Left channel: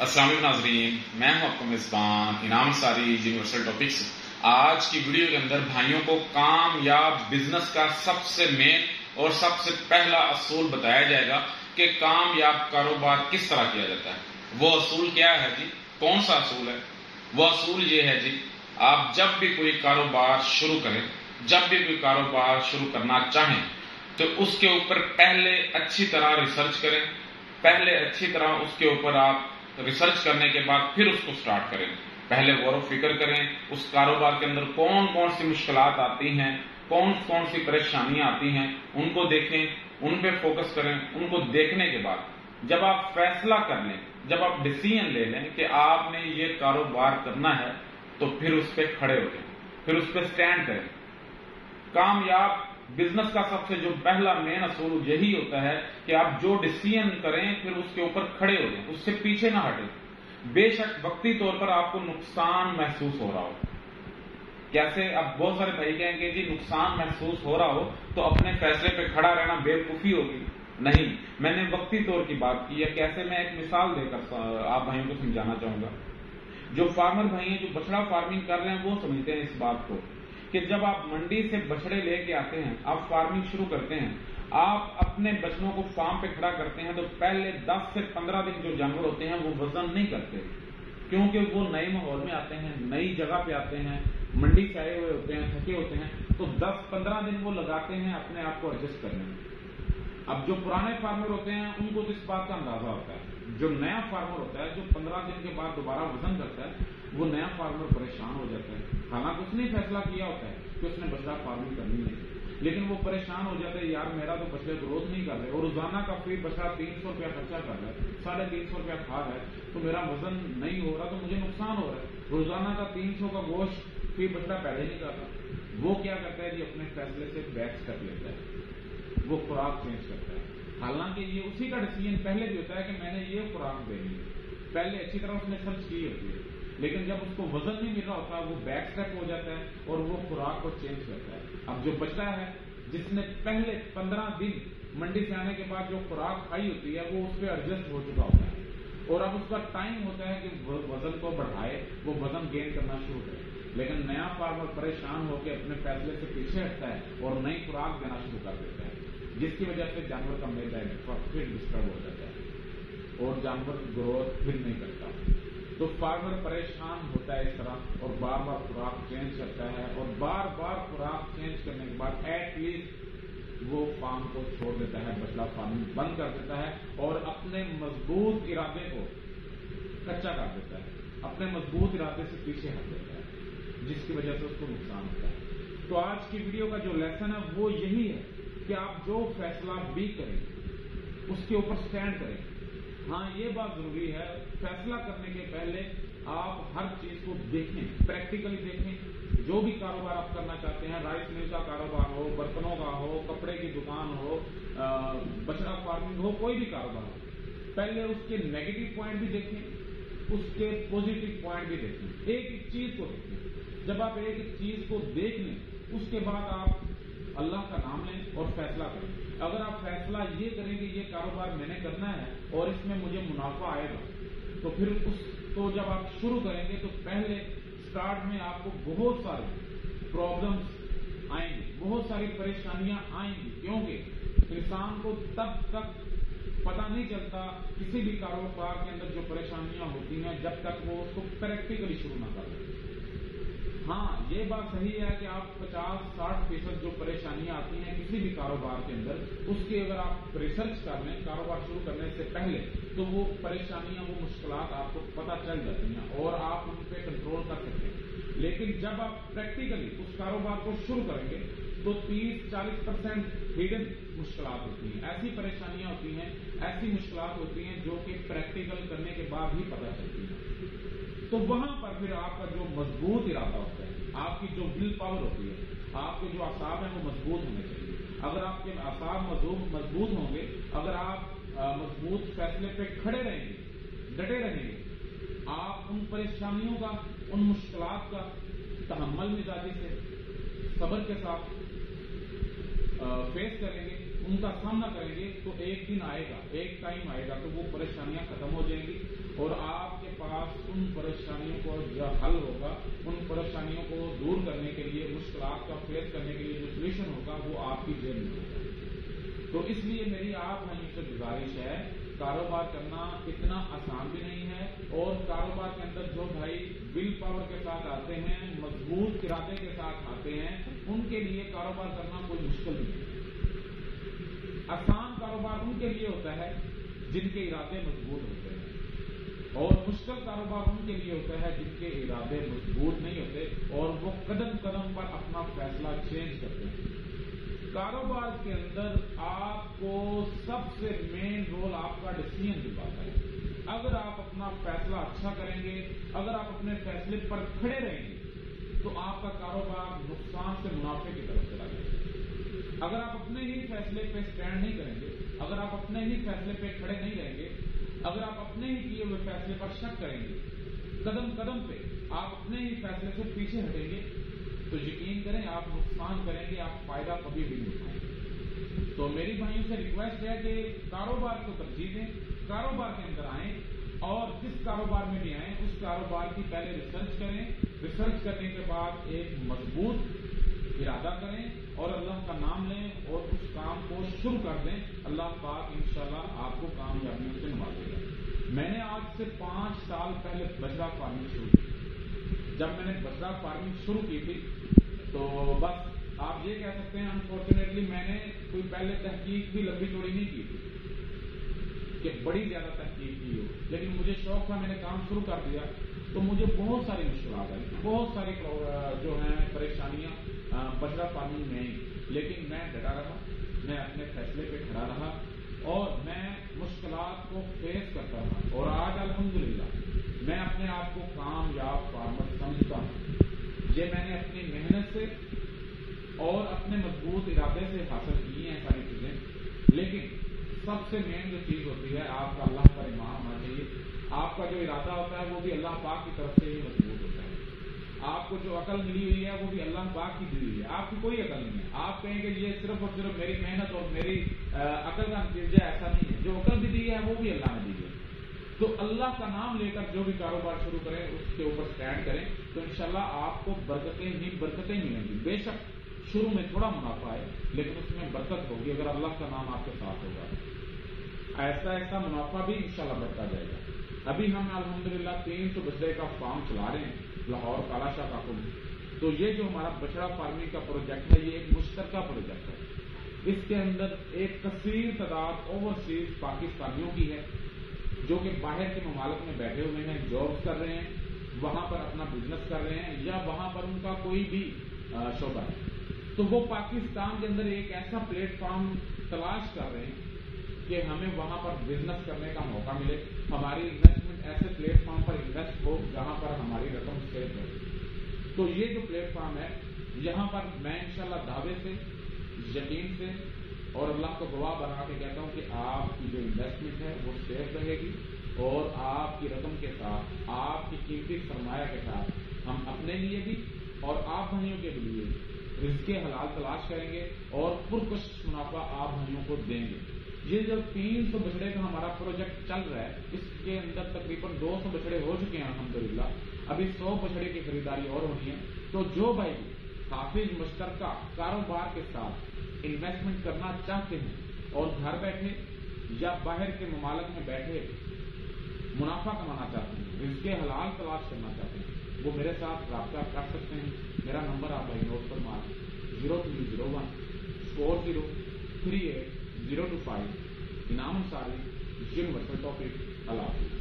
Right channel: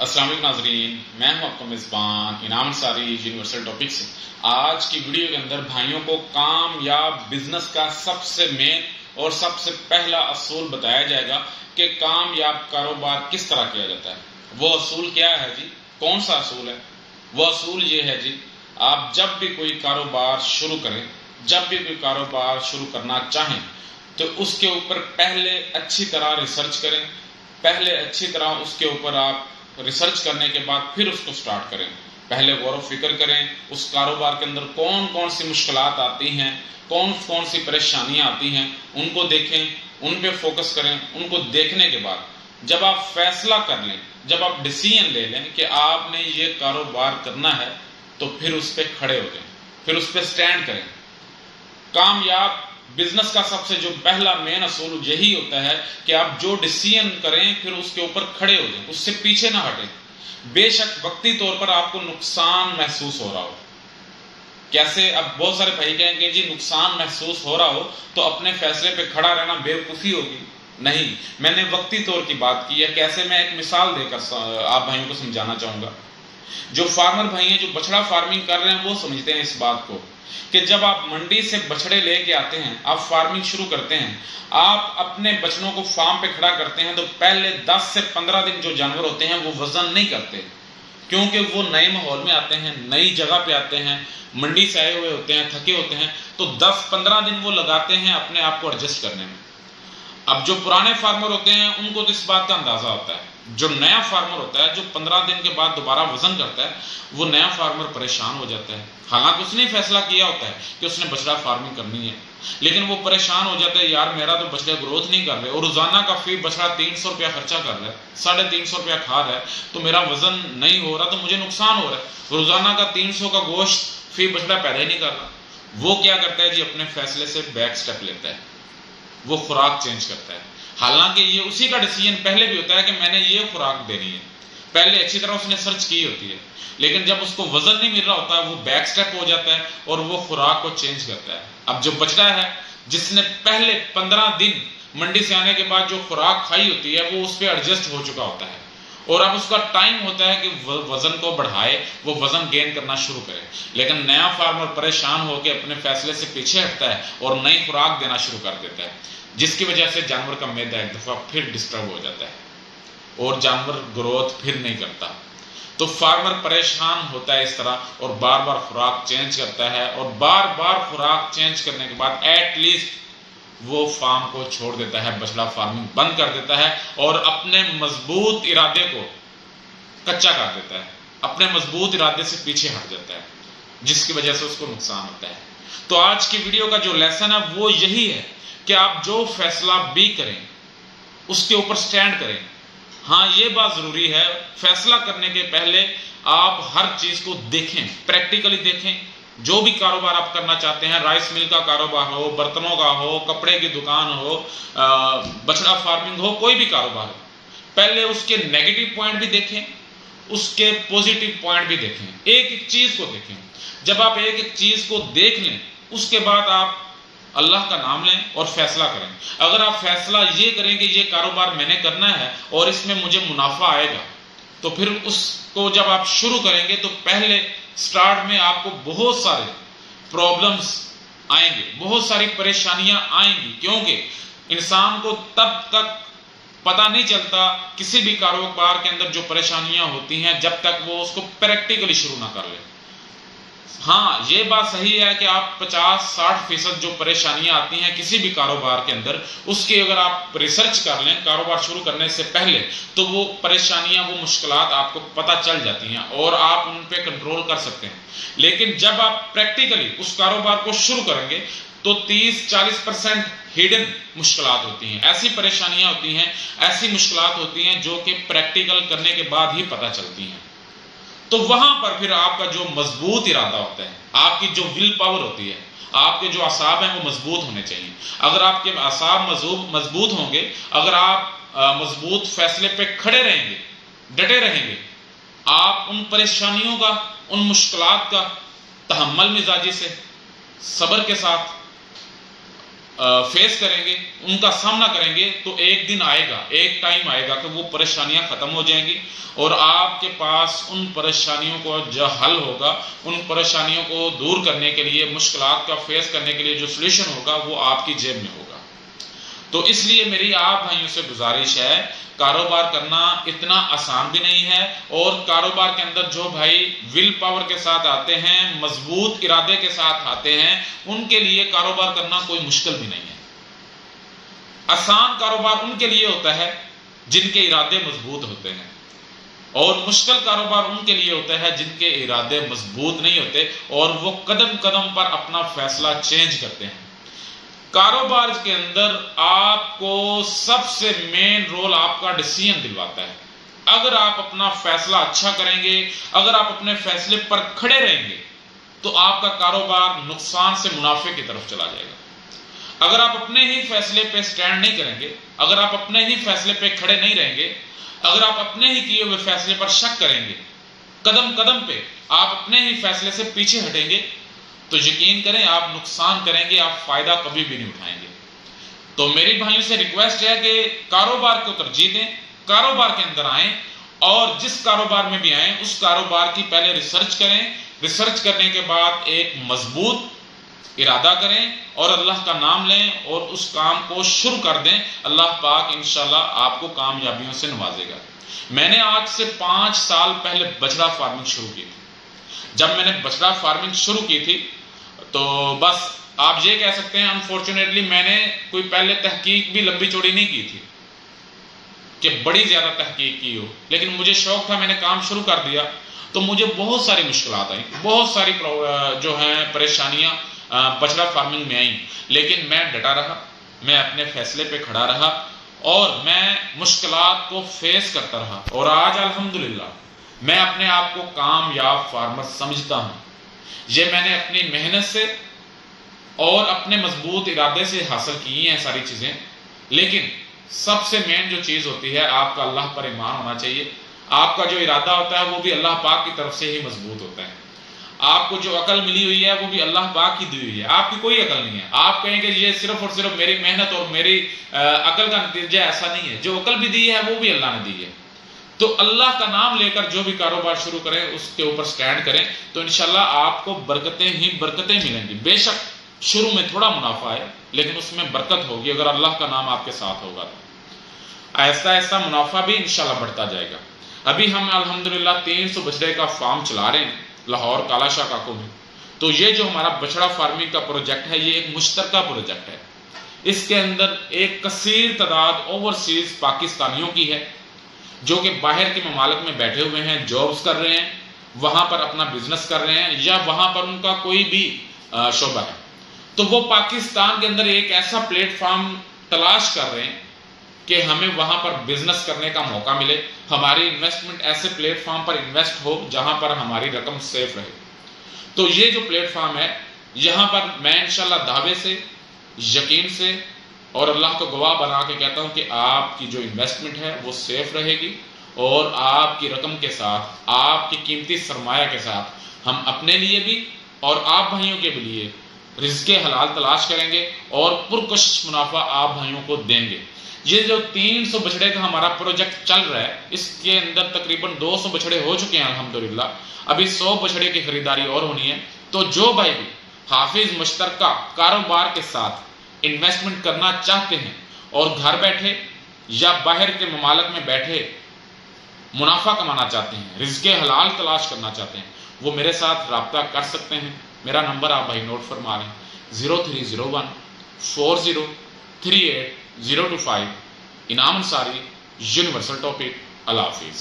السلام علیکم ناظرین، میں ہوں آپ کا میزبان انعام انصاری یونیورسل ٹاپک سے۔ آج کی ویڈیو کے اندر بھائیوں کو کامیاب بزنس کا سب سے مین اور سب سے پہلا اصول بتایا جائے گا کہ کامیاب کاروبار کس طرح کیا جاتا ہے۔ وہ اصول کیا ہے جی؟ کون سا اصول ہے؟ وہ اصول یہ ہے جی، آپ جب بھی کوئی کاروبار شروع کریں، جب بھی کوئی کاروبار شروع کرنا چاہیں تو اس کے اوپر پہلے اچھی طرح ریسرچ کریں، پہلے اچھی طرح اس کے اوپر آپ ریسرچ کرنے کے بعد پھر اس کو سٹارٹ کریں۔ پہلے غور و فکر کریں اس کاروبار کے اندر کون کون سی مشکلات آتی ہیں، کون کون سی پریشانیاں آتی ہیں، ان کو دیکھیں، ان پہ فوکس کریں۔ ان کو دیکھنے کے بعد جب آپ فیصلہ کر لیں، جب آپ ڈیسیژن لے لیں کہ آپ نے یہ کاروبار کرنا ہے، تو پھر اس پہ کھڑے ہو جائیں، پھر اس پہ سٹینڈ کریں۔ کامیاب بزنس کا سب سے جو پہلا مین اصول یہی ہوتا ہے کہ آپ جو ڈیسیژن کریں پھر اس کے اوپر کھڑے ہو جائیں، اس سے پیچھے نہ ہٹیں۔ بے شک وقتی طور پر آپ کو نقصان محسوس ہو رہا ہو، کیسے اب بہت سارے بھائی کہیں گے جی نقصان محسوس ہو رہا ہو تو اپنے فیصلے پہ کھڑا رہنا بیوقوفی ہوگی۔ نہیں، میں نے وقتی طور کی بات کی ہے۔ کیسے؟ میں ایک مثال دے کر آپ بھائیوں کو سمجھانا چاہوں گا۔ جو فارمر بھائی ہیں، جو بچڑا فارمنگ کر رہے ہیں، وہ سمجھتے ہیں اس بات کو کہ جب آپ منڈی سے بچڑے لے کے آتے ہیں، آپ فارمنگ شروع کرتے ہیں، آپ اپنے بچڑوں کو فارم پہ کھڑا کرتے ہیں تو پہلے 10 سے 15 دن جو جانور ہوتے ہیں وہ وزن نہیں کرتے، کیونکہ وہ نئے ماحول میں آتے ہیں، نئی جگہ پہ آتے ہیں، منڈی سے آئے ہوئے ہوتے ہیں، تھکے ہوتے ہیں، تو 10-15 دن وہ لگاتے ہیں اپنے آپ کو ایڈجسٹ کرنے میں۔ اب جو پرانے فارمر ہوتے ہیں ان کو تو اس بات کا اندازہ ہوتا ہے۔ جو نیا فارمر ہوتا ہے، جو 15 دن کے بعد دوبارہ وزن کرتا ہے، وہ نیا فارمر پریشان ہو جاتا ہے۔ حالانکہ اس نے فیصلہ کیا ہوتا ہے کہ اس نے بچڑا فارمنگ کرنی ہے، لیکن وہ پریشان ہو جاتا ہے، یار میرا تو بچڑے گروتھ نہیں کر رہے، اور روزانہ کا فی بچڑا 300 روپیہ خرچہ کر رہا ہے، 350 روپیہ کھا رہا ہے، تو میرا وزن نہیں ہو رہا، تو مجھے نقصان ہو رہا ہے۔ روزانہ کا 300 کا گوشت فی بچڑا پیدا ہی نہیں کر رہا۔ وہ کیا کرتا ہے جی؟ اپنے فیصلے سے بیک سٹیپ لیتا ہے، وہ خوراک چینج کرتا ہے۔ حالانکہ یہ اسی کا ڈیسیژن پہلے بھی ہوتا ہے کہ میں نے یہ خوراک دینی ہے، پہلے اچھی طرح اس نے سرچ کی ہوتی ہے، لیکن جب اس کو وزن نہیں مل رہا ہوتا ہے وہ بیک سٹیپ ہو جاتا ہے اور وہ خوراک کو چینج کرتا ہے۔ اب جو بچڑا ہے جس نے پہلے 15 دن منڈی سے آنے کے بعد جو خوراک کھائی ہوتی ہے وہ اس پہ ایڈجسٹ ہو چکا ہوتا ہے، اور اب اس کا ٹائم ہوتا ہے کہ وزن کو بڑھائے، وہ وزن گین کرنا شروع کرے۔ لیکن نیا فارمر پریشان ہو کے اپنے فیصلے سے پیچھے ہٹتا ہے اور نئی خوراک دینا شروع کر دیتا ہے، جس کی وجہ سے جانور کا معدہ ایک دفعہ پھر ڈسٹرب ہو جاتا ہے اور جانور گروتھ پھر نہیں کرتا۔ تو فارمر پریشان ہوتا ہے اس طرح، اور بار بار خوراک چینج کرتا ہے، اور بار بار خوراک چینج کرنے کے بعد ایٹ لیسٹ وہ فارم کو چھوڑ دیتا ہے، بچڑا فارمنگ بند کر دیتا ہے، اور اپنے مضبوط ارادے کو کچا کر دیتا ہے، اپنے مضبوط ارادے سے پیچھے ہٹ جاتا ہے، جس کی وجہ سے اس کو نقصان ہوتا ہے۔ تو آج کی ویڈیو کا جو لیسن ہے وہ یہی ہے کہ آپ جو فیصلہ بھی کریں اس کے اوپر سٹینڈ کریں۔ ہاں، یہ بات ضروری ہے، فیصلہ کرنے کے پہلے آپ ہر چیز کو دیکھیں، پریکٹیکلی دیکھیں۔ جو بھی کاروبار آپ کرنا چاہتے ہیں، رائس مل کا کاروبار ہو، برتنوں کا ہو، کپڑے کی دکان ہو، بچڑا فارمنگ ہو، کوئی بھی کاروبار ہو، پہلے اس کے نیگیٹو پوائنٹ بھی دیکھیں، اس کے پوزیٹو پوائنٹ بھی دیکھیں، ایک ایک چیز کو دیکھیں۔ جب آپ ایک ایک چیز کو دیکھ لیں اس کے بعد آپ اللہ کا نام لیں اور فیصلہ کریں۔ اگر آپ فیصلہ یہ کریں کہ یہ کاروبار میں نے کرنا ہے اور اس میں مجھے منافع آئے گا، تو پھر اس کو جب آپ شروع کریں گے تو پہلے سٹارٹ میں آپ کو بہت سارے پرابلمز آئیں گے، بہت ساری پریشانیاں آئیں گی، کیونکہ انسان کو تب تک پتہ نہیں چلتا کسی بھی کاروبار کے اندر جو پریشانیاں ہوتی ہیں جب تک وہ اس کو پریکٹیکلی شروع نہ کر لے۔ ہاں، یہ بات صحیح ہے کہ آپ 50-60% جو پریشانیاں آتی ہیں کسی بھی کاروبار کے اندر، اس کی اگر آپ ریسرچ کر لیں کاروبار شروع کرنے سے پہلے، تو وہ پریشانیاں، وہ مشکلات آپ کو پتہ چل جاتی ہیں اور آپ ان پہ کنٹرول کر سکتے ہیں۔ لیکن جب آپ پریکٹیکلی اس کاروبار کو شروع کریں گے تو 30-40% ہڈن مشکلات ہوتی ہیں، ایسی پریشانیاں ہوتی ہیں، ایسی مشکلات ہوتی ہیں جو کہ پریکٹیکل کرنے کے بعد ہی پتہ چلتی ہیں۔ تو وہاں پر پھر آپ کا جو مضبوط ارادہ ہوتا ہے، آپ کی جو ول پاور ہوتی ہے، آپ کے جو اعصاب ہیں وہ مضبوط ہونے چاہیے۔ اگر آپ کے اعصاب مضبوط ہوں گے، اگر آپ مضبوط فیصلے پہ کھڑے رہیں گے، ڈٹے رہیں گے، آپ ان پریشانیوں کا، ان مشکلات کا تحمل مزاجی سے، صبر کے ساتھ فیس کریں گے، ان کا سامنا کریں گے، تو ایک دن آئے گا، ایک ٹائم آئے گا کہ وہ پریشانیاں ختم ہو جائیں گی اور آپ کے پاس ان پریشانیوں کو جو حل ہوگا، ان پریشانیوں کو دور کرنے کے لیے، مشکلات کا فیس کرنے کے لیے جو سولوشن ہوگا وہ آپ کی جیب میں ہوگا۔ تو اس لیے میری آپ بھائیوں سے گزارش ہے، کاروبار کرنا اتنا آسان بھی نہیں ہے، اور کاروبار کے اندر جو بھائی ول پاور کے ساتھ آتے ہیں، مضبوط ارادے کے ساتھ آتے ہیں، ان کے لیے کاروبار کرنا کوئی مشکل بھی نہیں ہے۔ آسان کاروبار ان کے لیے ہوتا ہے جن کے ارادے مضبوط ہوتے ہیں، اور مشکل کاروبار ان کے لیے ہوتا ہے جن کے ارادے مضبوط نہیں ہوتے اور وہ قدم قدم پر اپنا فیصلہ چینج کرتے ہیں۔ کاروبار کے اندر آپ کو سب سے مین رول آپ کا ڈیسیژن دلواتا ہے۔ اگر آپ اپنا فیصلہ اچھا کریں گے، اگر آپ اپنے فیصلے پر کھڑے رہیں گے، تو آپ کا کاروبار نقصان سے منافع کی طرف چلا جائے گا۔ اگر آپ اپنے ہی فیصلے پہ سٹینڈ نہیں کریں گے، اگر آپ اپنے ہی فیصلے پہ کھڑے نہیں رہیں گے، اگر آپ اپنے ہی کیے ہوئے فیصلے پر شک کریں گے، قدم قدم پہ آپ اپنے ہی فیصلے سے پیچھے ہٹیں گے، تو یقین کریں آپ نقصان کریں گے، آپ فائدہ کبھی بھی نہیں اٹھائیں گے۔ تو میری بھائیوں سے ریکویسٹ ہے کہ کاروبار کو ترجیح دیں، کاروبار کے اندر آئیں، اور جس کاروبار میں بھی آئیں اس کاروبار کی پہلے ریسرچ کریں، ریسرچ کرنے کے بعد ایک مضبوط ارادہ کریں اور اللہ کا نام لیں اور اس کام کو شروع کر دیں۔ اللہ پاک انشاءاللہ آپ کو کامیابیوں سے نوازے گا۔ میں نے آج سے 5 سال پہلے بچڑا فارمنگ شروع کی تھی۔ جب میں نے بچڑا فارمنگ شروع کی تھی تو بس آپ یہ کہہ سکتے ہیں انفارچونیٹلی میں نے کوئی پہلے تحقیق بھی لمبی چوڑی نہیں کی تھی کہ بڑی زیادہ تحقیق کی ہو، لیکن مجھے شوق تھا، میں نے کام شروع کر دیا تو مجھے بہت ساری مشکلات آئیں، بہت ساری جو ہیں پریشانیاں بچڑا فارمنگ میں آئیں، لیکن میں ڈٹا رہا، میں اپنے فیصلے پہ کھڑا رہا اور میں مشکلات کو فیس کرتا رہا، اور آج الحمدللہ میں اپنے آپ کو کامیاب فارمر سمجھتا ہوں۔ یہ میں نے اپنی محنت سے اور اپنے مضبوط ارادے سے حاصل کی ہیں ساری چیزیں، لیکن سب سے مین جو چیز ہوتی ہے آپ کا اللہ پر ایمان ہونا چاہیے۔ آپ کا جو ارادہ ہوتا ہے وہ بھی اللہ پاک کی طرف سے ہی مضبوط ہوتا ہے۔ آپ کو جو عقل ملی ہوئی ہے وہ بھی اللہ پاک کی دی ہوئی ہے، آپ کی کوئی عقل نہیں ہے۔ آپ کہیں کہ یہ صرف اور صرف میری محنت اور میری عقل کا نتیجہ، ایسا نہیں ہے۔ جو عقل بھی دی ہے وہ بھی اللہ نے دی ہے۔ تو اللہ کا نام لے کر جو بھی کاروبار شروع کریں اس کے اوپر سٹینڈ کریں تو انشاءاللہ آپ کو برکتیں ہی برکتیں ملیں گی۔ بے شک شروع میں تھوڑا منافع ہے لیکن اس میں برکت ہوگی اگر اللہ کا نام آپ کے ساتھ ہوگا تو آہستہ آہستہ منافع بھی انشاءاللہ بڑھتا جائے گا۔ ابھی ہم الحمدللہ 300 بچڑے کا فارم چلا رہے ہیں لاہور کالا شاہ کاکو میں۔ تو یہ جو ہمارا بچڑا فارمنگ کا پروجیکٹ ہے یہ ایک مشترکہ پروجیکٹ ہے۔ اس کے اندر ایک کثیر تعداد اوورسیز پاکستانیوں کی ہے جو کہ باہر کے ممالک میں بیٹھے ہوئے ہیں، جابز کر رہے ہیں، وہاں پر اپنا بزنس کر رہے ہیں یا وہاں پر ان کا کوئی بھی شعبہ ہے۔ تو وہ پاکستان کے اندر ایک ایسا پلیٹ فارم تلاش کر رہے ہیں کہ ہمیں وہاں پر بزنس کرنے کا موقع ملے، ہماری انویسٹمنٹ ایسے پلیٹ فارم پر انویسٹ ہو جہاں پر ہماری رقم سیف رہے۔ تو یہ جو پلیٹ فارم ہے یہاں پر میں انشاءاللہ دعوے سے، یقین سے اور اللہ کو گواہ بنا کے کہتا ہوں کہ آپ کی جو انویسٹمنٹ ہے وہ سیف رہے گی، اور آپ کی رقم کے ساتھ، آپ کی قیمتی سرمایہ کے ساتھ ہم اپنے لیے بھی اور آپ بھائیوں کے بھی لیے رزق حلال تلاش کریں گے اور پرکشش منافع آپ بھائیوں کو دیں گے۔ یہ جو 300 بچڑے کا ہمارا پروجیکٹ چل رہا ہے اس کے اندر تقریباً 200 بچڑے ہو چکے ہیں الحمدللہ، ابھی 100 بچڑے کی خریداری اور ہونی ہے۔ تو جو بھائی بھی حافظ مشترکہ کاروبار کے ساتھ انویسٹمنٹ کرنا چاہتے ہیں اور گھر بیٹھے یا باہر کے ممالک میں بیٹھے منافع کمانا چاہتے ہیں، رزق حلال تلاش کرنا چاہتے ہیں، وہ میرے ساتھ رابطہ کر سکتے ہیں۔ میرا نمبر آپ بھائی نوٹ فرما لیں، 0301 4038 025۔ انعام انصاری، یونیورسل ٹاپک۔ اللہ حافظ۔